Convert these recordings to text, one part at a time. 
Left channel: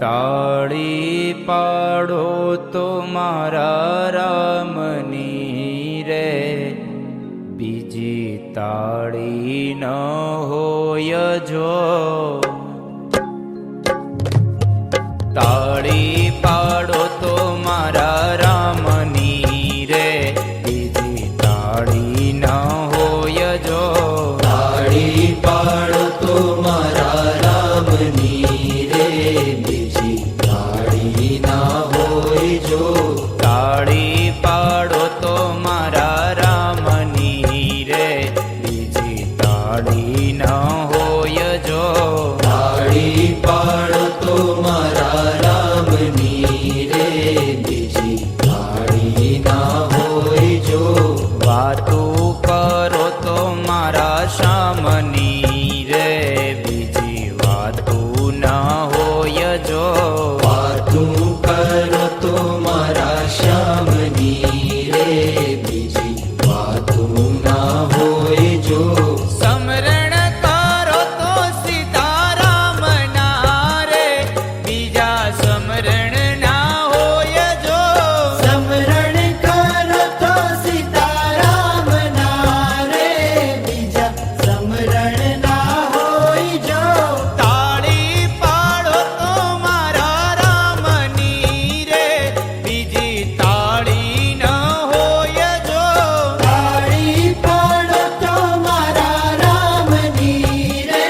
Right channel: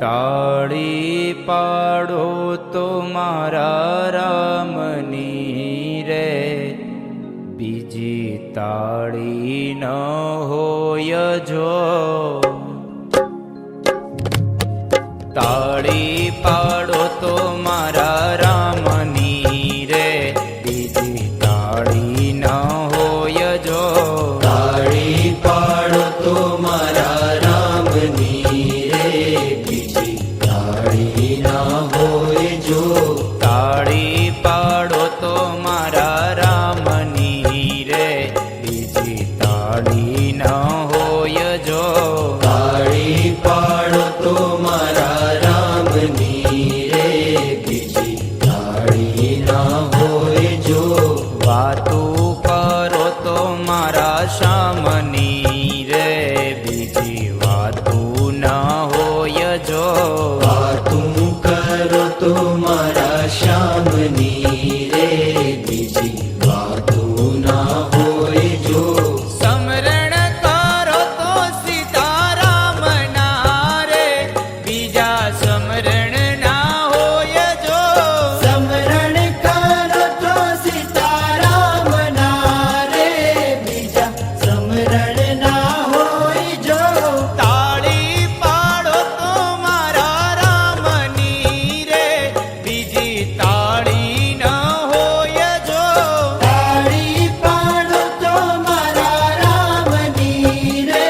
તાળી પાડો તો મારા રામની રે, બીજી તાળી ન હોય જો. તાળી પાડો તો મારા રામની રે, બીજી તાળી ન હોય જો. તાળી પાડો તો મારા રામની રે, બીજી તાળી ના હોય જો. તાળી પાડો તો મારા રામની રે, બીજી તાળી ન હોય જો. તાળી પાડો તો મારા રામની રે, બીજી તાળી ના હોય જો. વાતું કરો તો મારા શ્યામની રે, બીજી વાતું ન હોય જો. વાતું કરો તો મારા શ્યામની રે, બીજી વાતું ના હોય જો. સમરણ કરો તો સીતારામ ના રે, બીજા સમરણ ના હોય જો. સમરણ કરો તો સીતારામ ના રે, બીજા સમરણ ના હોય જો. તાળી પાડો તો મારા રામની રે, બીજી તાળી ન હોય જો. તાળી પાડો તો મારા રામની રે,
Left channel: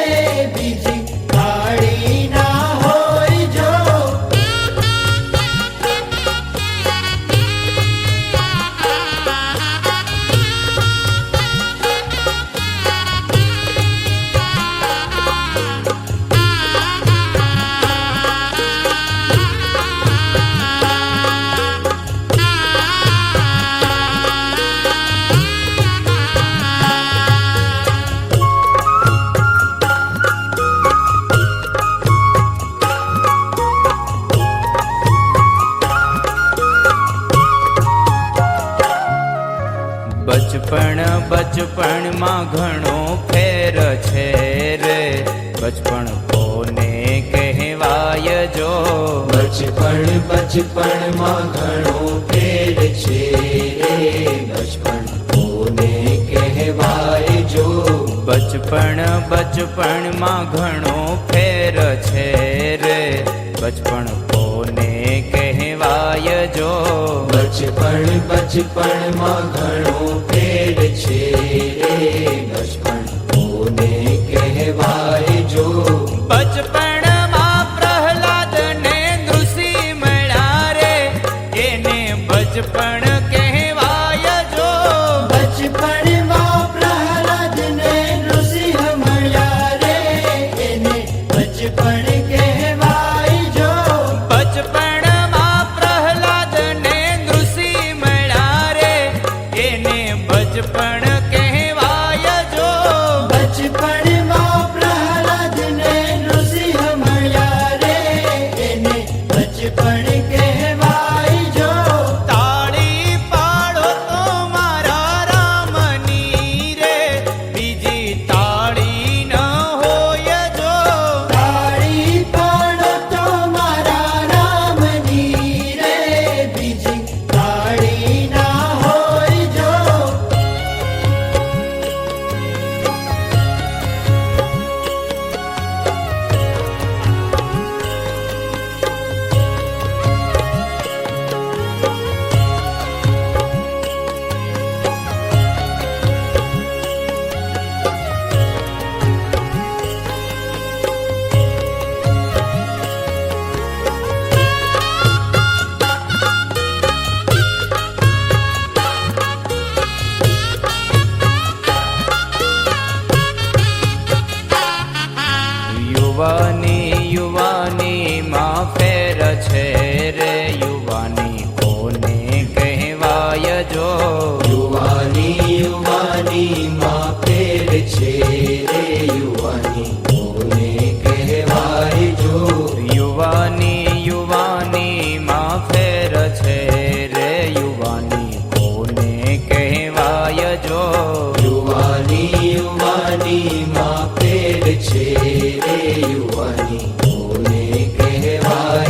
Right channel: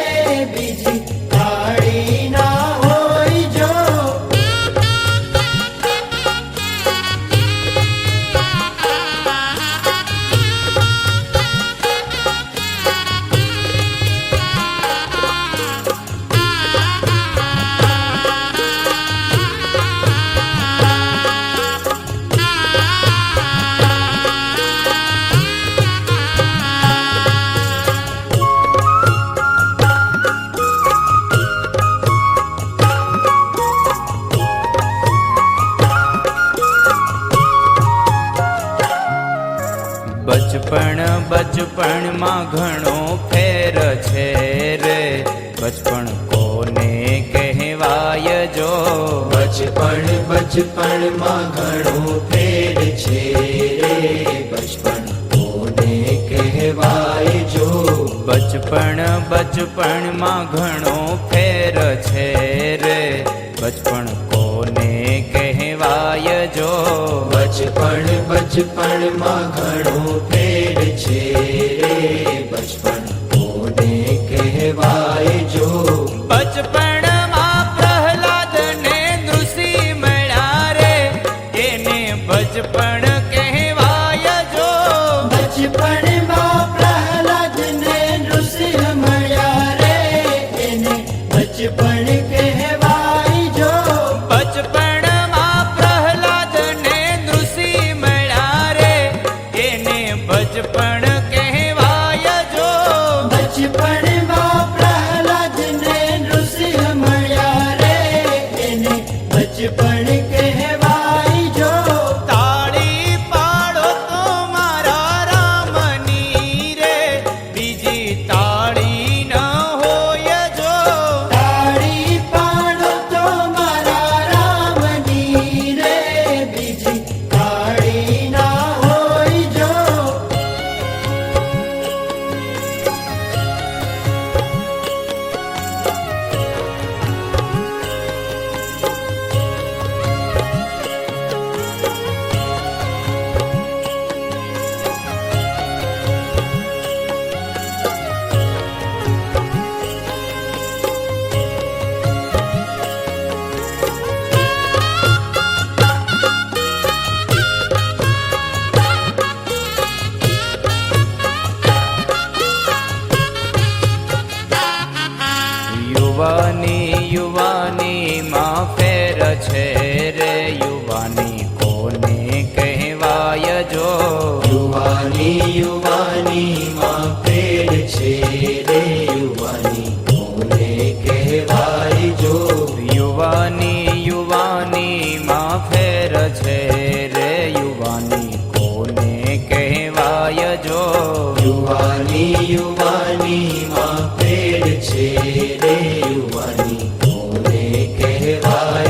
બીજી તાળી ના હોય જો. બચપણમાં ઘણો ફેર છે રે, બચપણ કોને કહેવાય જો. બચપણમાં ઘણો ફેર છે રે, બચપણ કોને કહેવાય જો. બચપણમાં ઘણો ફેર છે રે, બચપણ કોને કહેવાય જો. બચપણમાં ઘણો ફેર છે રે, બચપણ કોને કહેવાય જો. બચપણમાં પ્રહલાદ ને નૃષિ મળ્યા રે, એને બચપણ કહેવાય જો. બચપણમાં પ્રહલાદ ને નૃસિંહ મળ્યા રે, એને બચપણ કહેવાય જો. બચપણમાં પ્રહલાદ ને નૃષિ મળ્યા રે, એને બચપણ કહેવાય જો. બચપણમાં પ્રહલાદ ને નૃસિંહ મળ્યા રે, એને બચપણ કહેવાય જો. તાળી પાડો તો મારા રામની રે, બીજી તાળી ન હોય જો. તાળી પાડો તો મારા રામની રે, બીજી તાળી ના હોય જો. યુવાની માં ફેર છે રે, યુવાની કોને કહેવાય જો. યુવાની માં ફેર છે રે, યુવાની કોને કહેવાય જો. યુવાની માં ફેર છે રે, યુવાની કોને કહેવાય જો. યુવાની માં ફેર છે રે, યુવાની કોને કહેવાય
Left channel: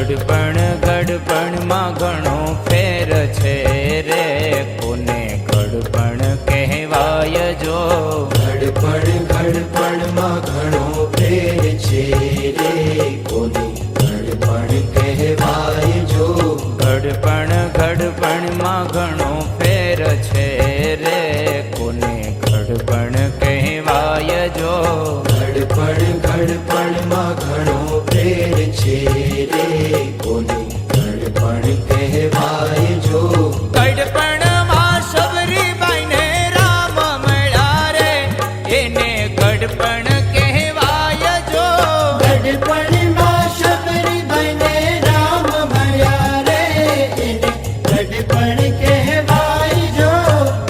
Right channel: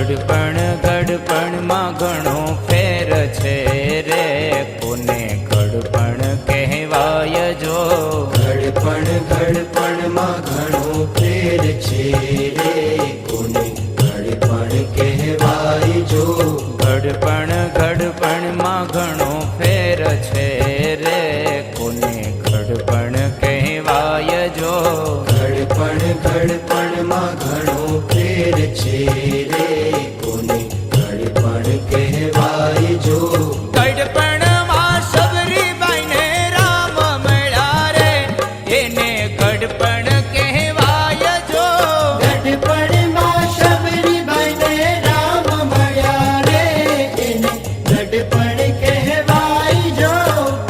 ગડપણમાં ઘણો ફેર છે રે, કોને ગડપણ કહેવાય જો. ગડપણમાં ઘણો ફેર છે રે, કોને ગડપણ કહેવાય જો. ગડપણમાં ઘણો ફેર છે રે, કોને ગડપણ કહેવાય જો. ગડપણમાં ઘણો ફેર છે રે, કોને ગડપણ કહેવાય જો. ગડપણમાં સબરીબાઈને રામ મળ્યા રે, એને ગડપણ કહેવાય જો. ગડપણમાં સબરીબાઈને રામ મળ્યા રે, એને ગડપણ કહેવાય જો.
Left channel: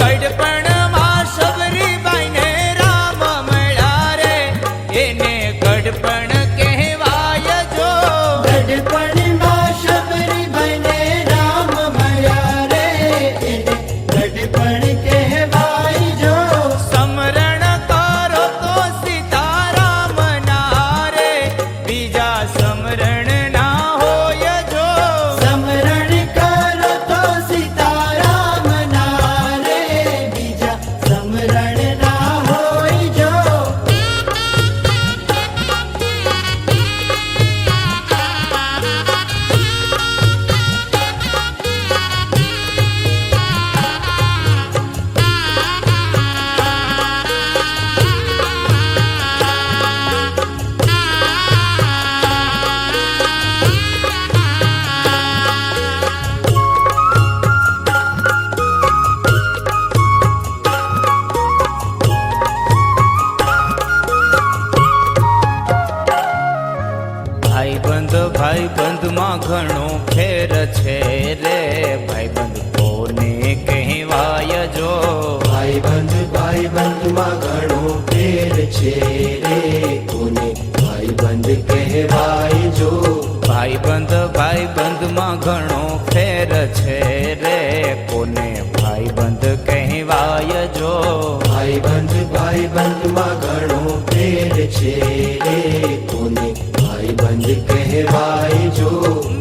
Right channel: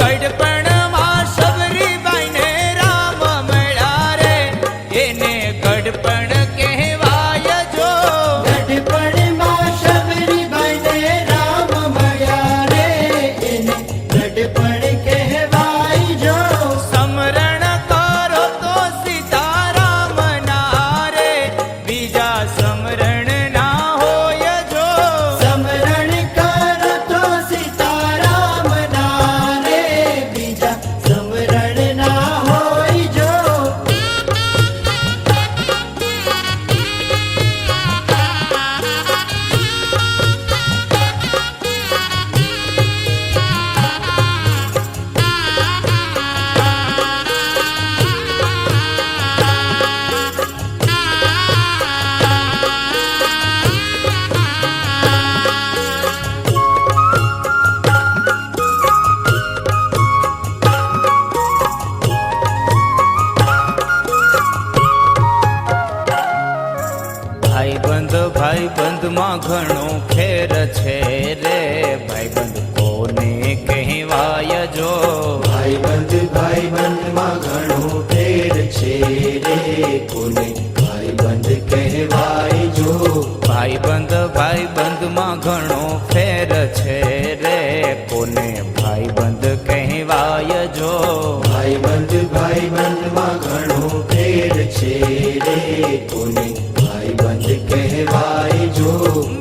ગડપણમાં સબરીબાઈને રામ મળ્યા રે, એને ગડપણ કહેવાય જો. ગડપણમાં સબરીબાઈને રામ મળ્યા રે, એને ગડપણ કહેવાય જો. સમરણ કરો તો સીતારામ ના રે, બીજા સમરણ ના હોય જો. સમરણ કરો તો સીતારામ ના રે, બીજા સમરણ ના હોય જો. ભાઈબંધમાં ઘણો ફેર છે રે, ભાઈબંધ કોને કહેવાય જો. ભાઈબંધમાં ઘણો ફેર છે રે, કોને ભાઈબંધ કહેવાય જો. ભાઈબંધમાં ઘણો ફેર છે રે, કોને ભાઈબંધ કહેવાય જો. ભાઈબંધમાં ઘણો ફેર છે રે, કોને ભાઈબંધ કહેવાય જો.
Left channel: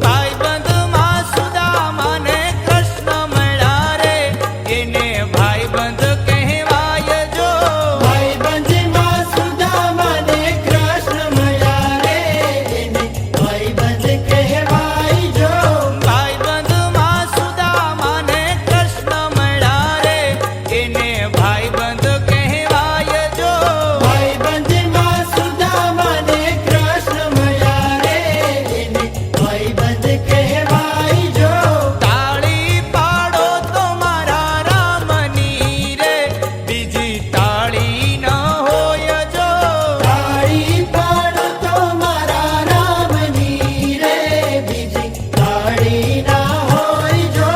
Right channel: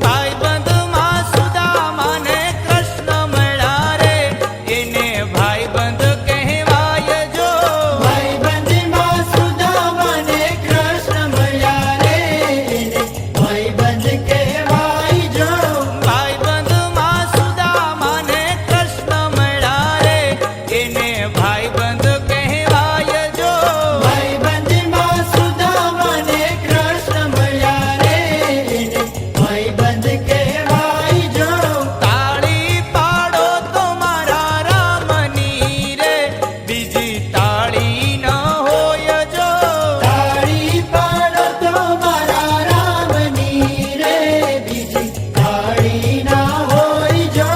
ભાઈબંધમાં સુદામાને કૃષ્ણ મળ્યા રે, એને ભાઈબંધ કહેવાય જો. ભાઈબંધમાં સુદામાને કૃષ્ણ મળ્યા રે, એને ભાઈબંધ કહેવાય જો. ભાઈબંધમાં સુદામાને કૃષ્ણ મળ્યા રે, એને ભાઈબંધ કહેવાય જો. ભાઈબંધમાં સુદામાને કૃષ્ણ મળ્યા રે, એને ભાઈબંધ કહેવાય જો. તાળી પાડો તો મારા રામની રે, બીજી તાળી ન હોય જો. તાળી પાડો તો મારા રામની રે, બીજી તાળી ના હોય જો.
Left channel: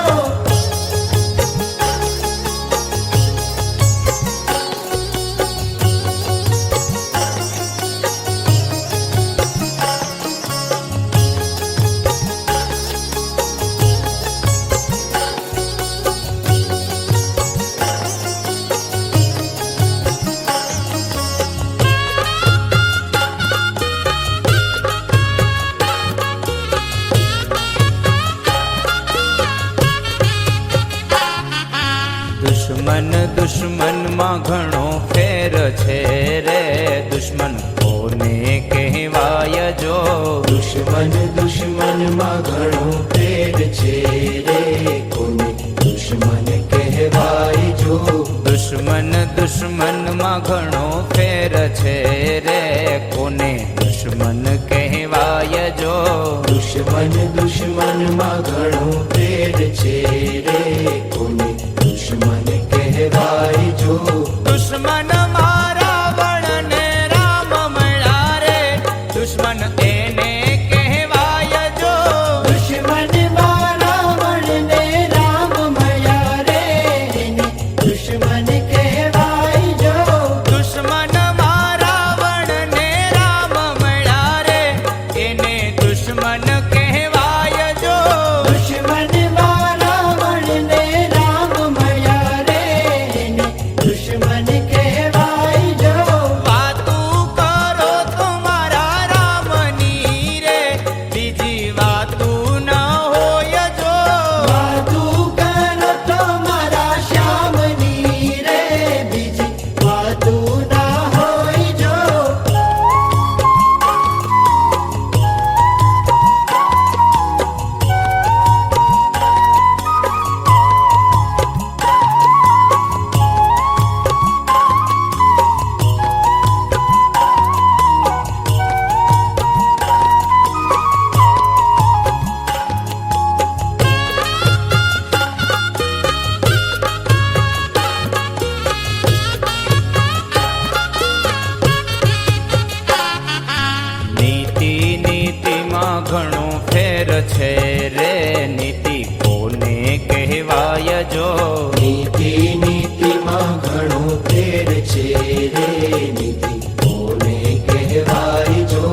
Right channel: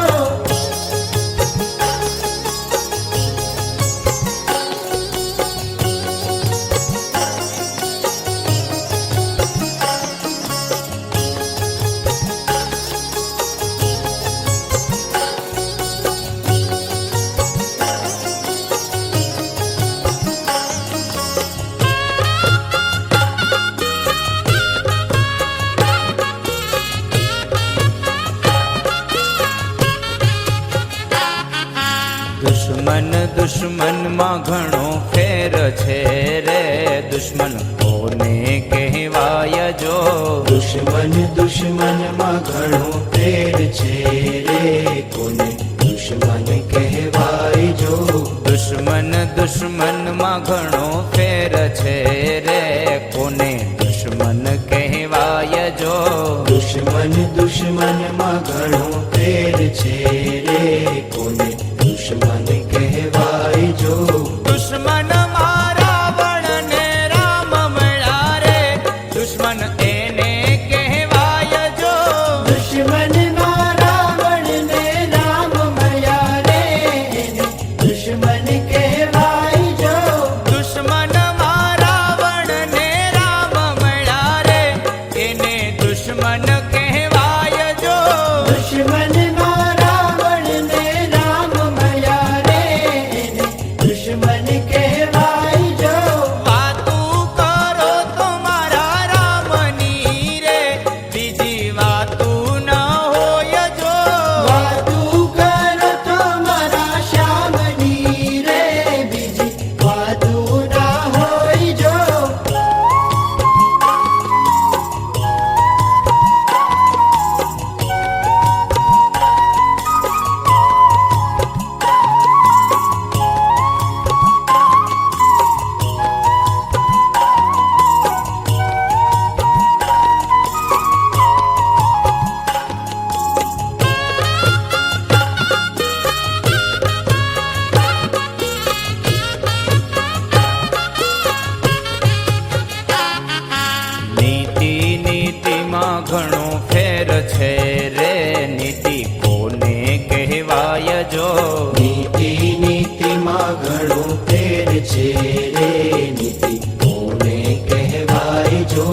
દુશ્મનમાં ઘણો ફેર છે રે, દુશ્મન કોને કહેવાય જો. દુશ્મનમાં ઘણો ફેર છે રે, કોને દુશ્મન કહેવાય જો. દુશ્મનમાં ઘણો ફેર છે રે, કોને દુશ્મન કહેવાય જો. દુશ્મનમાં ઘણો ફેર છે રે, કોને દુશ્મન કહેવાય જો. દુશ્મન રાવણ ને રામ મળ્યા રે, દુશ્મન એને કહેવાય જો. દુશ્મનમાં રાવણ ને રામ મળ્યા રે, એને દુશ્મન કહેવાય જો. દુશ્મનમાં રાવણ ને રામ મળ્યા રે, એને દુશ્મન કહેવાય જો. દુશ્મનમાં રાવણ ને રામ મળ્યા રે, એને દુશ્મન કહેવાય જો. વાતું કરો તો મારા રામની રે, બીજી વાતું નીતિમાં ઘણો ફેર છે રે, નીતિ કોને કહેવાય જો. નીતિ નીતિમાં ઘણો ફેર છે રે, નીતિ કોને કહેવાય જો.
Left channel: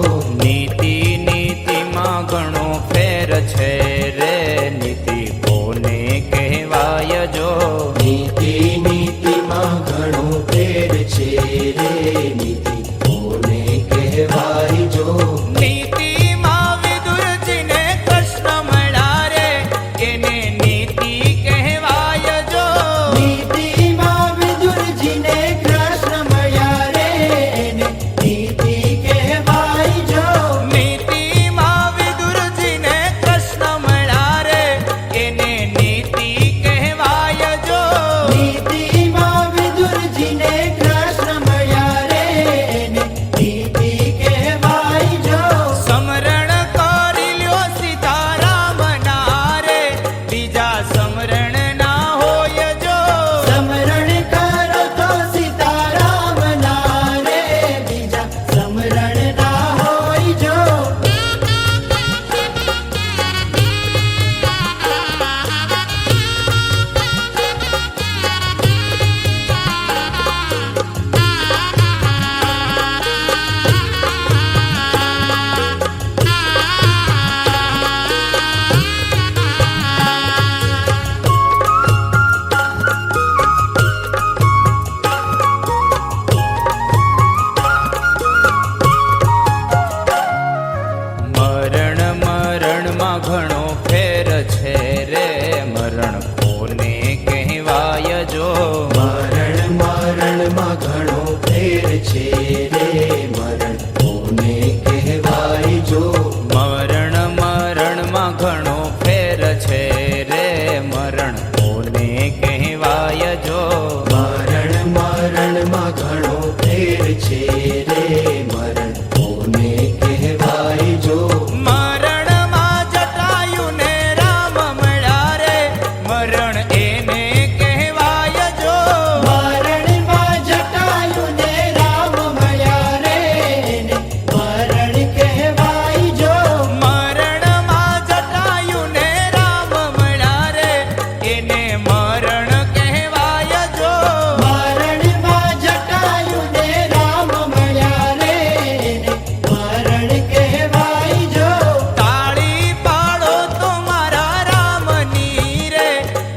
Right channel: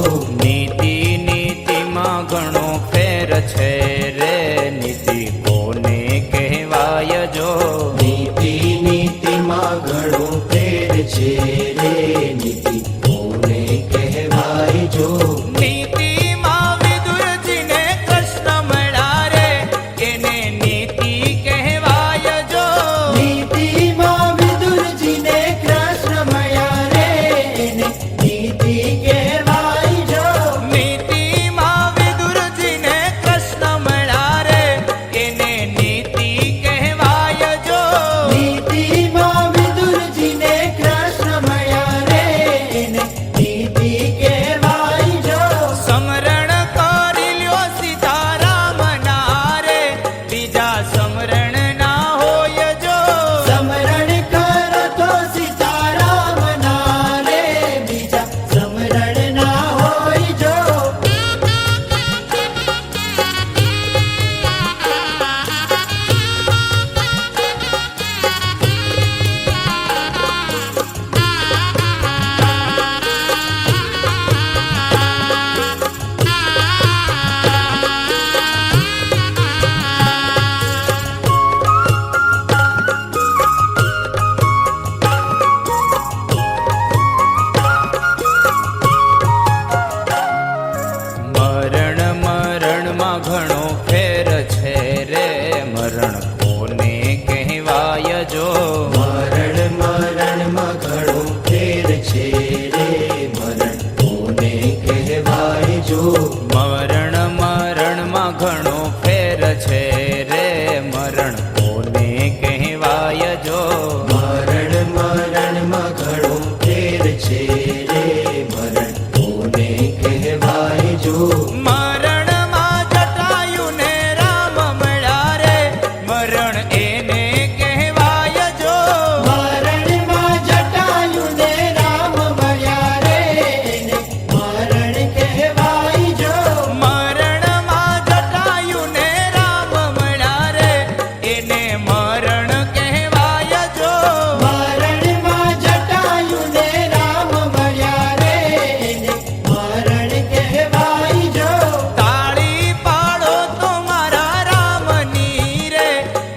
નીતિ નીતિમાં ઘણો ફેર છે રે, નીતિ કોને કહેવાય જો. નીતિ નીતિમાં ઘણો ફેર છે રે, નીતિ કોને કહેવાય જો. નીતિમાં વિદુરજીને કૃષ્ણ મળ્યા રે, એને નીતિ કહેવાય જો. નીતિમાં વિદુરજીને કૃષ્ણ મળ્યા રે, એને નીતિ કહેવાય જો. નીતિમાં વિદુરજીને કૃષ્ણ મળ્યા રે, એને નીતિ કહેવાય જો. નીતિમાં વિદુરજીને કૃષ્ણ મળ્યા રે, એને નીતિ કહેવાય જો. સમરણ કરી લ્યો સીતારામ ના રે, બીજા સમરણ ના હોય જો. સમરણ કરો તો સીતારામ ના રે, બીજા સમરણ ના હોય જો. મરણ મરણમાં ઘણો ફેર છે રે, મરણ કોને કહેવાય જો. મરણ મરણમાં ઘણો ફેર છે રે, મરણ કોને કહેવાય જો. મરણ મરણમાં ઘણો ફેર છે રે, મરણ કોને કહેવાય જો. મરણ મરણમાં ઘણો ફેર છે રે, મરણ કોને કહેવાય જો. મરણમાં જટાયું ને રામ મળ્યા રે, મરણ એને કહેવાય જો. મરણમાં જટાયું ને રામ મળ્યા રે, એને મરણ કહેવાય જો. મરણમાં જટાયું ને રામ મળ્યા રે, એને મરણ કહેવાય જો. મરણમાં જટાયું ને રામ મળ્યા રે, એને મરણ કહેવાય જો. તાળી પાડો તો મારા રામની રે,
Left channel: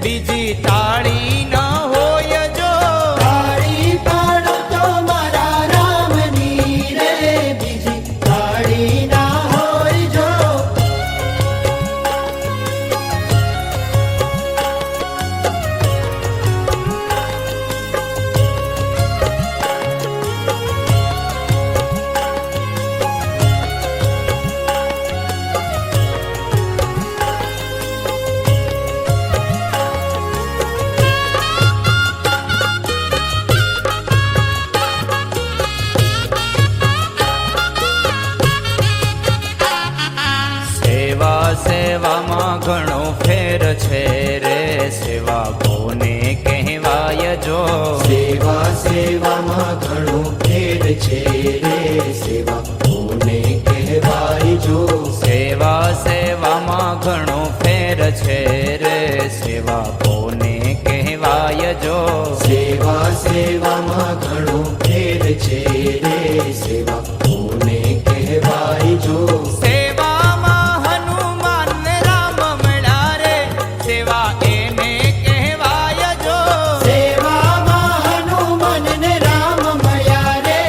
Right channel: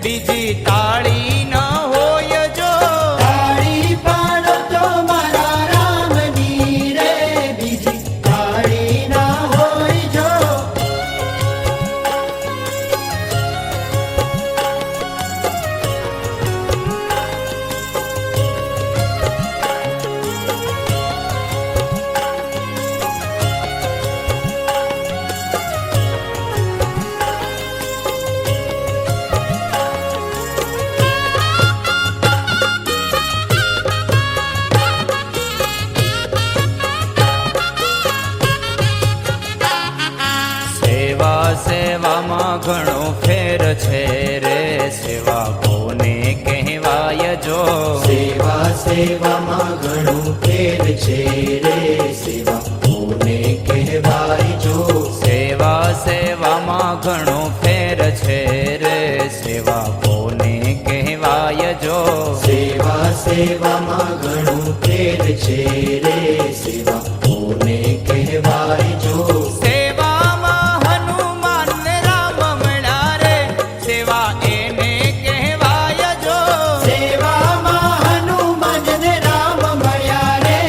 બીજી તાળી ન હોય જો. તાળી પાડો તો મારા રામની રે, બીજી તાળી ના હોય જો. સેવા સેવામાં ઘણો ફેર છે રે, સેવા કોને કહેવાય જો. સેવા સેવામાં ઘણો ફેર છે રે, સેવા કોને કહેવાય જો. સેવા સેવામાં ઘણો ફેર છે રે, સેવા કોને કહેવાય જો. સેવા સેવામાં ઘણો ફેર છે રે, સેવા કોને કહેવાય જો. સેવામાં હનુમાન ને રામ મળ્યા રે, સેવા એને કહેવાય જો. સેવામાં હનુમાન ને રામ મળ્યા રે,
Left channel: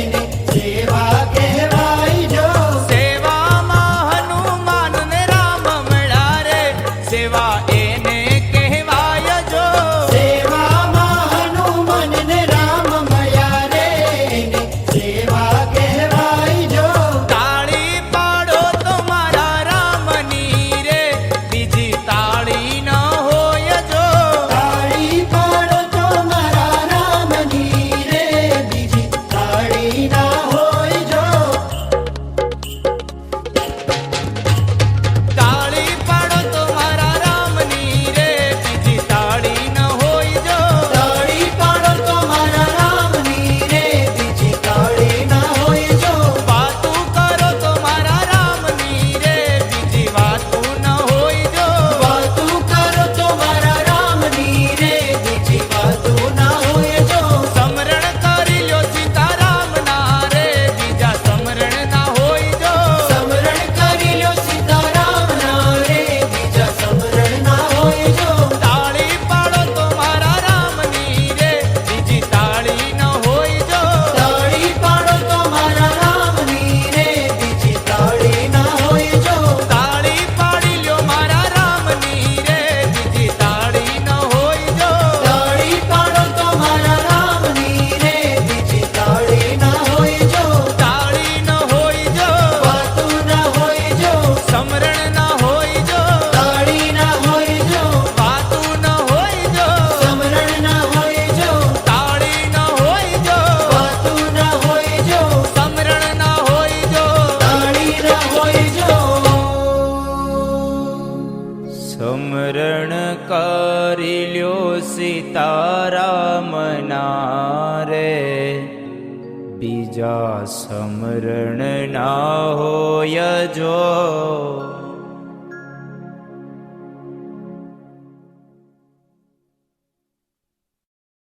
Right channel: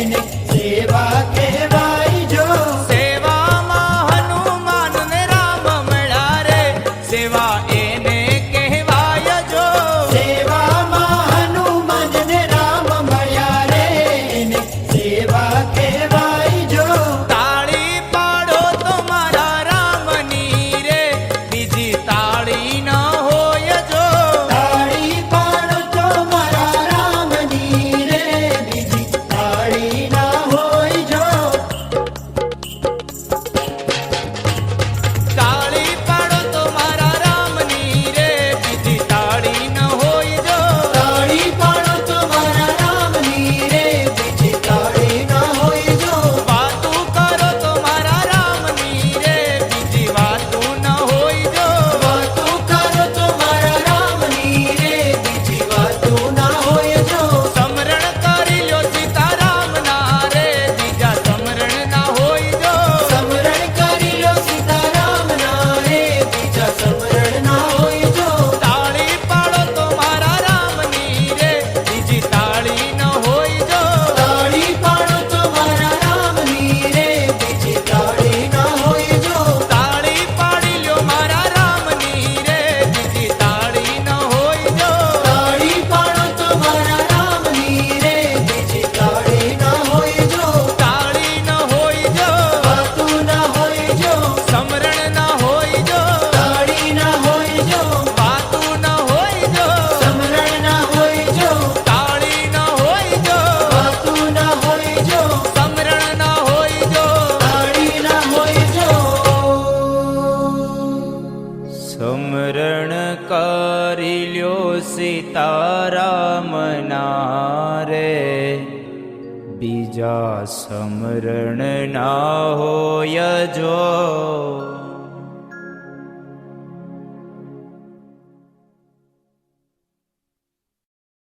એને સેવા કહેવાય જો. સેવામાં હનુમાન ને રામ મળ્યા રે, સેવા એને કહેવાય જો. સેવામાં હનુમાન ને રામ મળ્યા રે, એને સેવા કહેવાય જો. તાળી પાડો તો મારા રામની રે, બીજી તાળી ન હોય જો. તાળી પાડો તો મારા રામની રે, બીજી તાળી ના હોય જો. તાળી પાડો તો મારા રામની સ્મરણ કરી લ્યો સીતારામના રે, બીજા સ્મરણ ના હોય જો.